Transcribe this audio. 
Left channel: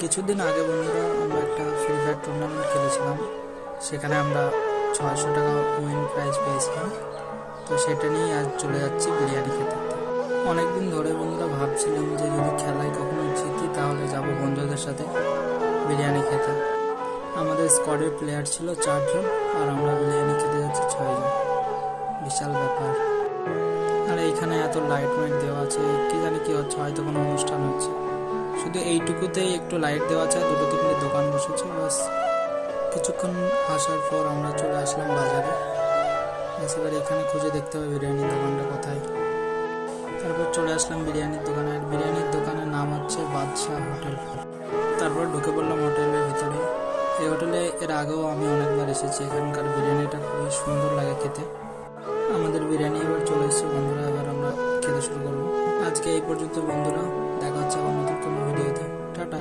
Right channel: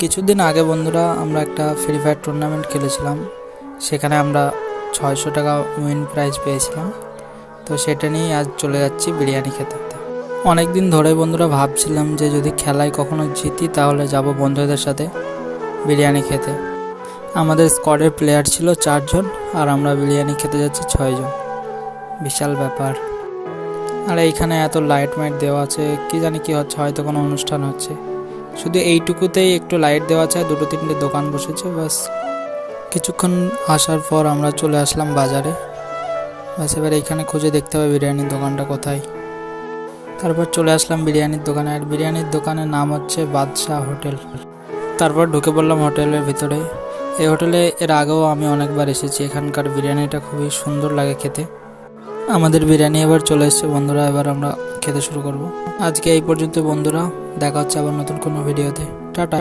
কিছুদিন আগে বন্ধুরা আমরা একটা ফ্রি ফায়ার টুর্নামেন্ট খেলেছিলাম। সেখানে আমরা 600 টাকা উইন প্রাইজ পেয়েছিলাম। তো সেটা নিয়েই আজ চলে যাচ্ছি বিরিয়ানি খেতে। অনেক দিন ধরে বন্ধুরা ভাবছিলাম যে যদি খেলায় কখনো জিতি তাহলে যাব বন্ধুদের সাথে বিরিয়ানি খেতে। আমাদের স্কোয়াডের প্লেয়ার ছিল 4 জন, আর আমরা বিরিয়ানি খেতে যাচ্ছি 6 জন। বিশাল ব্যাপার। আর এইখানে এত লাইট মাইট দেওয়া আছে, কি জানি কি হচ্ছে, হয়তো কোনো অনুষ্ঠান হচ্ছে। শুধু এইটুকুতেই একটু লাইট দেওয়া আছে, 2-3টে দোকান বসেছে, ব্যাস। কিছুক্ষণ আসার পর আমরা চলে আসলাম বাজারে। ব্যাস, এবার এইখানে খুঁজে দেখতে হবে বিরিয়ানির দোকানটা কোথায়। তারপর চলে আসলাম বিরিয়ানির দোকানে, আর বিরিয়ানির দোকানের নাম হচ্ছে বাদশাহ হোটেল। তারপর ঢুকে পড়লাম হোটেলের ভিতরে। এই হোটেলে এর আগেও আমি অনেকবার এসেছি। এখানকার বিরিয়ানিটা খুবই সুন্দর লাগে খেতে। আমাদের বিরিয়ানি এবার চলে এসেছে বন্ধুরা, এবার আমরা খেতে শুরু করব। আজকে এই পর্যন্ত বন্ধুরা, দেখা হচ্ছে আবার নতুন কোনো ভিডিওতে। টাটা।